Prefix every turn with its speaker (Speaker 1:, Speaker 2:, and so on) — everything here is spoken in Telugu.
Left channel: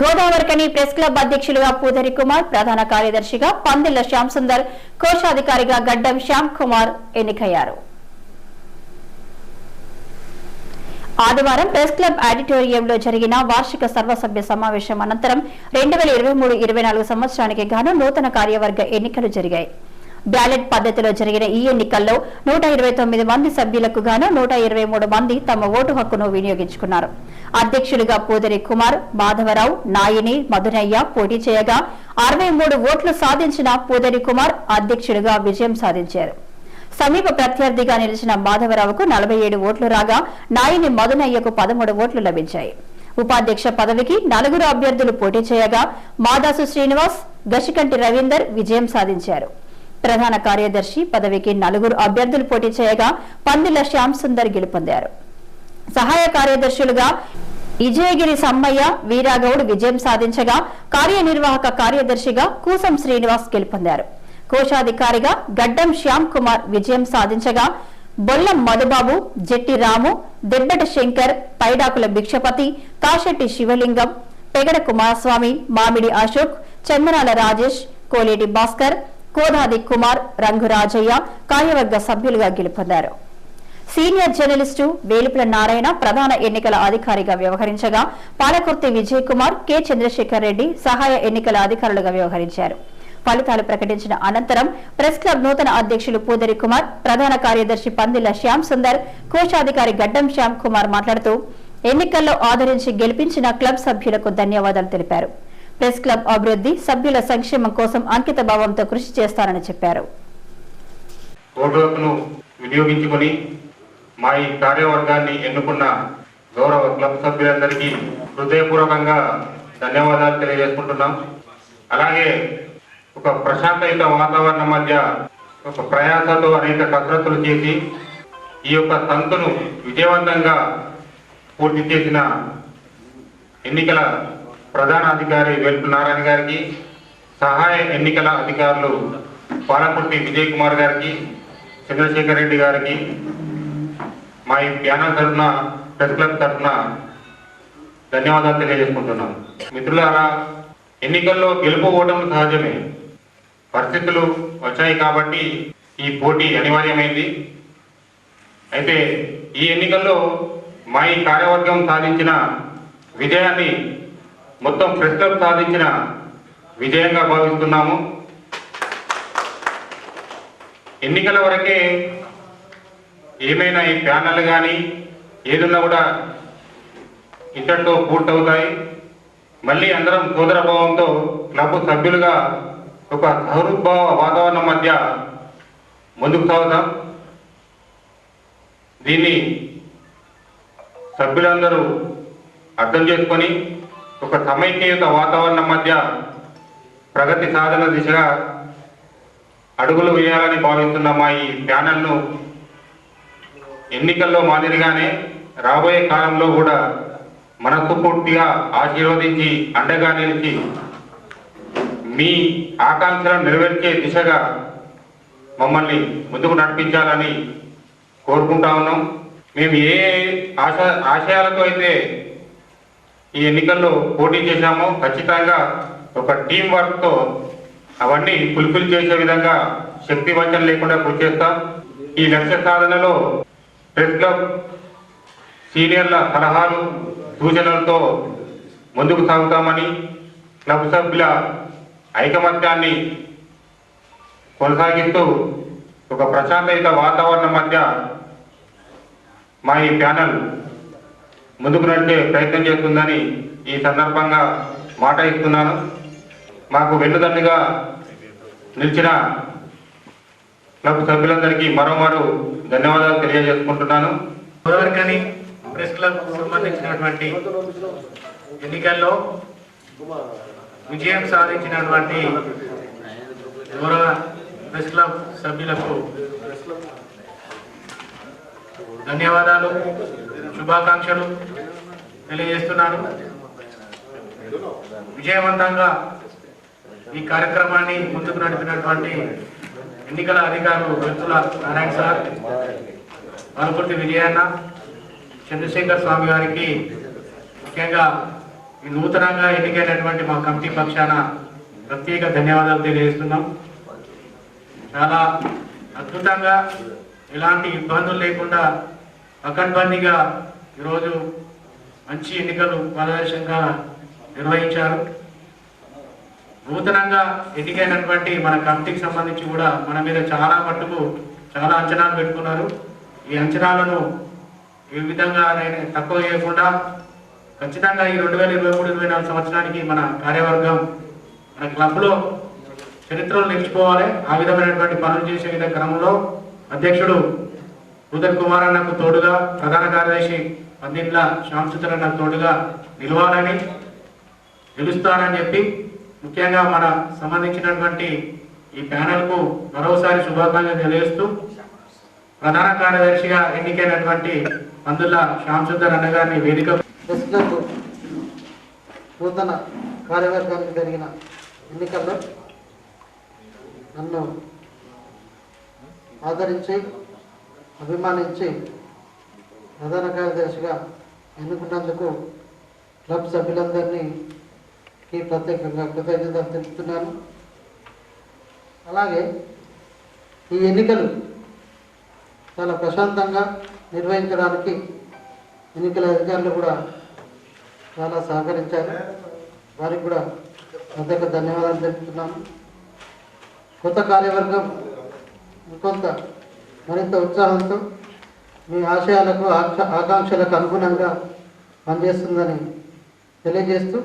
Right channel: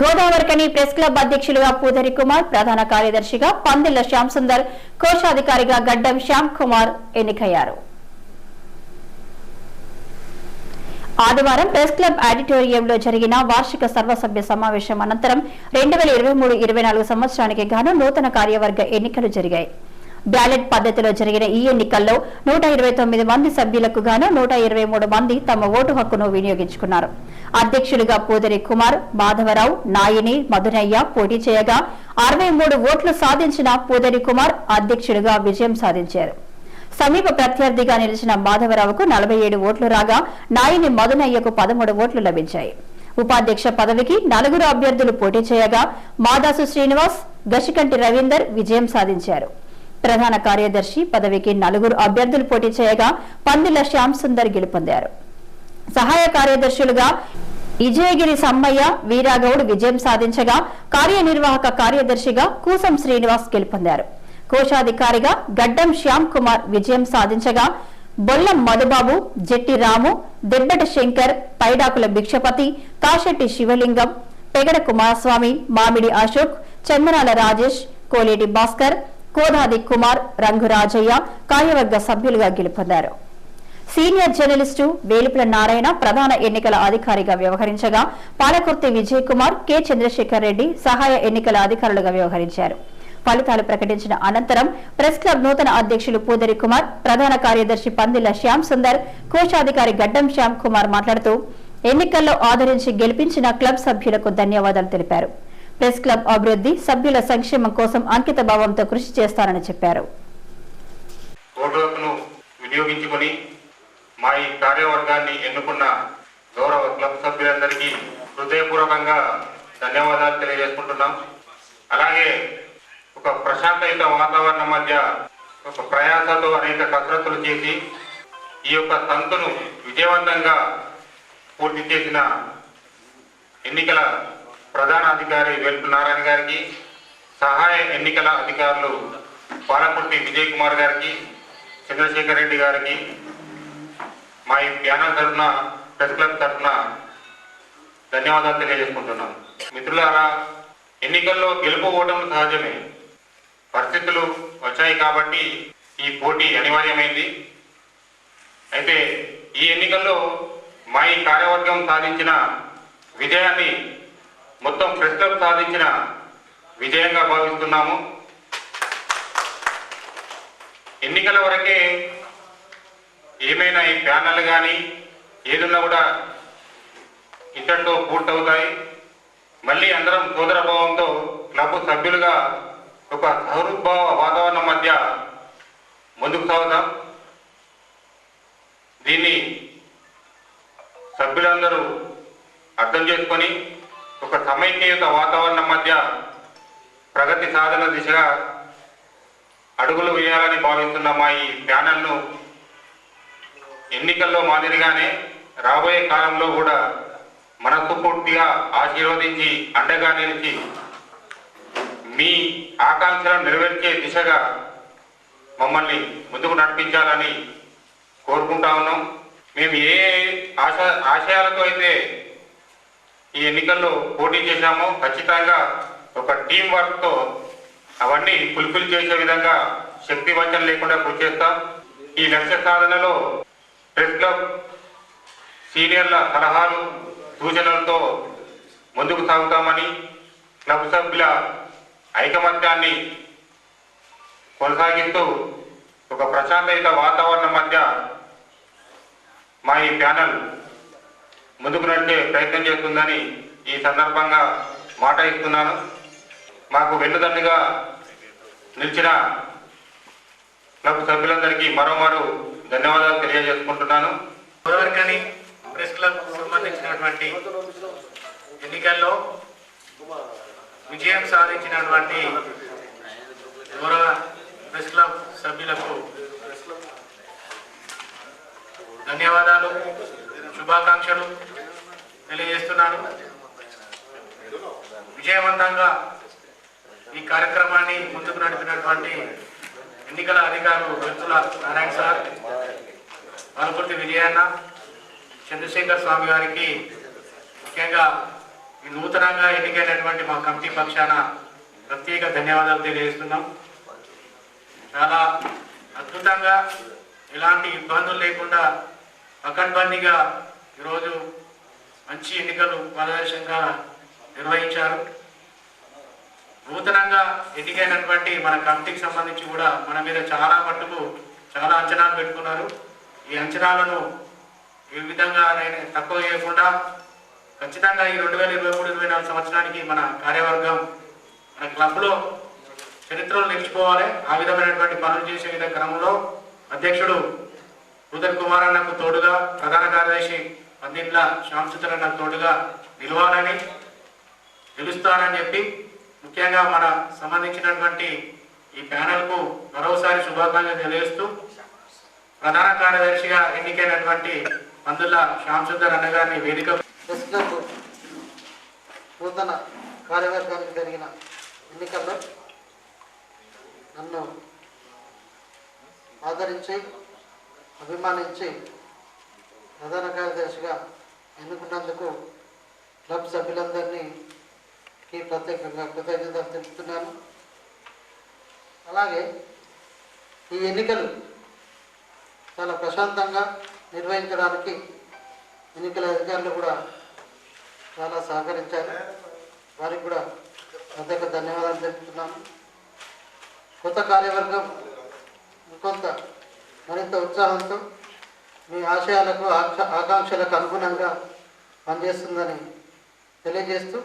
Speaker 1: గోదావరికని ప్రెస్ క్లబ్ అధ్యక్షులుగా పూదరి కుమార్ ప్రధాన కార్యదర్శిగా పందిళ్ళ శ్యామ్ సుందర్ కోశాధికారిగా గడ్డం శ్యామ్ కుమార్ ఎన్నికయ్యారు. ఆదివారం ప్రెస్ క్లబ్ ఆడిటోరియంలో జరిగిన వార్షిక సర్వసభ్య సమావేశం అనంతరం రెండు వేల ఇరవై మూడు ఇరవై నాలుగు సంవత్సరానికి గాను నూతన కార్యవర్గ ఎన్నికలు జరిగాయి. బ్యాలెట్ పద్ధతిలో జరిగిన ఈ ఎన్నికల్లో నూట ఇరవై తొమ్మిది మంది సభ్యులకు గాను నూట ఇరవై మూడు మంది తమ ఓటు హక్కును వినియోగించుకున్నారు. అధ్యక్షులుగా పూదరి కుమార్ మాధవరావు నాయిని మధునయ్య పోటీ చేయగా అరవై మూడు ఓట్లు సాధించిన పూదరి కుమార్ అధ్యక్షుడిగా విజయం సాధించారు. సమీప ప్రత్యర్థిగా నిలిచిన మాధవరావుకు నలభై ఏడు ఓట్లు రాగా నాయిని మధునయ్యకు పదమూడు ఓట్లు లభించాయి. ఉపాధ్యక్ష పదవికి నలుగురు అభ్యర్థులు పోటీ చేయగా మాదాసు శ్రీనివాస్ గశికంటి రవీందర్ విజయం సాధించారు. ప్రధాన కార్యదర్శి పదవికి నలుగురు అభ్యర్థులు పోటీ చేయగా పందిల శ్యామ్ సుందర్ గెలుపొందారు. సహాయ కార్యదర్శులుగా విజయగిరి సమ్మయ్య వీరాగౌడ్ విజయం సాధించగా కార్యనిర్వాహక కార్యదర్శిగా కూసం శ్రీనివాస్ గెలుపొందారు. కోశాధికారిగా గడ్డం శ్యామ్ కుమార్ విజయం సాధించగా బొల్లం మధుబాబు జెట్టి రాము దెబ్బటి శంకర్ పైడాకుల భిక్షపతి కాశెట్టి శివలింగం పెగడ కుమారస్వామి మామిడి అశోక్ చందనాల రాజేష్ కోలేటి భాస్కర్ కోదాది కుమార్ రంగురాజయ్య కార్యవర్గ సభ్యులుగా గెలుపొందారు. సీనియర్ జర్నలిస్టు వేలుపుల నారాయణ ప్రధాన ఎన్నికల అధికారిగా వ్యవహరించగా పాలకుర్తి విజయ్ కుమార్ కె. చంద్రశేఖర్ రెడ్డి సహాయ ఎన్నికల అధికారులుగా వ్యవహరించారు. ఫలితాలు ప్రకటించిన అనంతరం ప్రెస్ క్లబ్ నూతన అధ్యక్షులు పూదరి కుమార్ ప్రధాన కార్యదర్శి పందిల శ్యామ్ సుందర్ కోశాధికారి గడ్డం శ్యామ్ కుమార్ మాట్లాడుతూ ఎన్నికల్లో ఆదరించి గెలిపించిన క్లబ్ సభ్యులకు ధన్యవాదాలు తెలిపారు. ప్రెస్ క్లబ్ అభివృద్ధి సభ్యుల సంక్షేమం కోసం అంకిత భావంతో కృషి చేస్తారని చెప్పారు.
Speaker 2: వినియోగించుకొని మా ఈ కార్యవర్గాన్ని ఎన్నుకున్న గౌరవ క్లబ్ సభ్యులందరికీ హృదయపూర్వకంగా ధన్యవాదాలు తెలియజేసుకుంటున్నాం. అలాగే ఒక ప్రశాంతయుత వాతావరణం మధ్య ఒక ప్రయాసతో అనేక కసరత్తులు చేసి ఈ యొక్క తంతును విజయవంతంగా పూర్తి చేసిన ఎన్నికల ప్రధాన అధికారి వెల్పు నారాయణ గారికి సహాయ ఎన్నికల అధికారులు పాలకుర్తి విజయ్ కుమార్ గారికి చంద్రశేఖర్ రెడ్డి గారికి మా ఈ ప్యానల్ తరఫున ప్రెస్ క్లబ్ తరఫున ధన్యవాదాలు తెలియజేసుకుంటున్నాను. మిత్రులారా ఎన్నికల్లో గెలుపు ఓటములు సహజమే. పరిస్థితులు వచ్చాయి కాబట్టి ఈ పోటీ అనివార్యమైంది. అయితే ఈ ఎన్నికల్లో మా ఈ కార్యవర్గం సాధించిన విజయాన్ని మొత్తం ప్రస్తుతం సాధించిన విజయంగా భావిస్తున్నాము. ఎన్నికల వరకే ఏమైనా ఈ ప్యానల్ కానీ ఏదున్నా కూడా ఇంతటితో పూర్తవుతాయి. మళ్ళీ అందరం సోదర భావంతో క్లబ్ సభ్యులుగా ఒక సహృద్భావ వాతావరణం మధ్య ముందుకు సాగుతాం దీన్ని సభ్యులందరూ అర్థం చేసుకొని ఒక సమైక్యయుత వాతావరణం మధ్య ప్రగతి సాధన దిశగా అడుగులు వేయాలని భావిస్తున్న మా ఈ ప్యానల్ను ఎన్నికల్లో మాదిరిగానే రాబోయే కాలంలో కూడా మనసు పూర్తిగా ఆశీర్వదించి అండగా నిలిచి మీ ఆకాంక్షలను నెరవేర్చే దిశగా మమ్మల్ని ముందుకు నడిపించాలని కోరుకుంటా ఉన్నాం. మేము ఏ ఆశ ఆశయాలతో అయితే ఈ ఎన్నికల్లో పోటీ చేశామో ఖచ్చితంగా ఒక టీం వర్క్తో అవన్నీ ఫుల్ఫిల్ చేసే విధంగా శక్తి వంచన లేకుండా కృషి చేస్తాం. ఈ లక్ష్య సాధనలో ప్రెస్ క్లబ్ సీనియర్ల సలహాలు సూచనలతో ముందుకు సాగుతామని క్లబ్ సభ్యుల ఐకమత్యాన్ని కొనసాగిస్తూ ఒక ప్రశాంతయుత వాతావరణం మధ్య మా ఈ ప్యానల్ ముందుకు నడిచే ప్రయత్నం చేస్తుందని ఈ సందర్భంగా మాట ఇస్తున్నాను. మాకు వెన్నుదండుగా నిలిచిన క్లబ్ సభ్యులందరికీ మరోమారు ధన్యవాదాలు తెలియజేసుకుంటున్నాను.
Speaker 3: గోదావరికని ప్రెస్ క్లబ్ సంబంధించినటువంటి ఎన్నికల్లో విజయం సాధించినటువంటి గౌరవ ప్రెస్ క్లబ్ సభ్యులకు ధన్యవాదాలు. శుభాకాంక్షలు తెలియజేస్తున్నాను. విజయవంతంగా ఈ కార్యక్రమాన్ని ముందుకు నడిపినటువంటి ఎన్నికల అధికారులు వ్యక్తుల నారాయణ సార్ పాలకుర్తి విజయన్న చంద్రశేఖర్ స్వామి గారికి ముఖ్యంగా ఈ నూతనంగా ఎన్నికైనటువంటి మా కమిటీ పక్షాన ప్రత్యేక ధన్యవాదాలు తెలియజేస్తున్నాం. చాలా అద్భుతంగా ఎలాంటి ఇబ్బందులు లేకుండా పకడ్బందీగా ఈరోజు మంచి ఎన్నికలు పారదర్శకంగా నిర్వహించారు. నూతనంగా ఎన్నికైనటువంటి మన కమిటీకి సంబంధించి కూడా మన మీద చాలా మట్టుకు చాలా అంచనాలు పెట్టుకున్నారు. ఈ అంచనాలను ఏ విధంగా తక్కువ చేయకుండా ఖచ్చితంగా ఈ రెండు వేల ఇరవై మూడు ఇరవై నాలుగు సంవత్సరానికి మన కార్యవర్గం మన క్లబ్లో చరిత్రలో నిలిచిపోవాలి ఆ విధమైనటువంటి పనులు చేసే క్రమంలో అధ్యక్షుడు ఉదయ్ కుమార్ అన్నకు తోడుగా ప్రధాన కార్యదర్శి పందిండ్ల శ్యామసుందర్ అన్న తోడుగా నిలవాలని గెలుస్తానని చెప్పి ముఖ్యంగా మన సంబంధించినటువంటి ఈ ప్యానెల్కు మరోసారి శుభాకాంక్షలు తెలియజేస్తూ ప్రధాన కార్యదర్శిగా ఎన్నికైనటువంటి పందుల శ్యామసుందర్ అన్న గారిని వేదిక
Speaker 4: నూతన కార్యవర్గానికి జరిగిన ఎన్నికల్లో నన్ను ఆదరించి అభిమానించి ప్రధాన కార్యదర్శిగా ఎన్నుకున్నందుకు క్లబ్ సభ్యులందరినీకి ప్రత్యేకంగా కృతజ్ఞతలు తెలుపుతున్నాను. అలాగే ఈ ఎన్నికలు చాలా ప్రశాంతంగా నిర్వహించడానికి ఎన్నికల అధికారులు కూడా చాలా సహకరించారు. వారికి కూడా ప్రత్యేక ధన్యవాదాలు తెలుపుతున్నాను. కొత్త కార్యవర్గం కొంత మరింత ఉత్సాహంతో మీ ఆశయాలకు ఆక్ష- ఆకాంక్షలకు అనుగుణంగా పనిచేస్తుందని తెలియజేస్తూ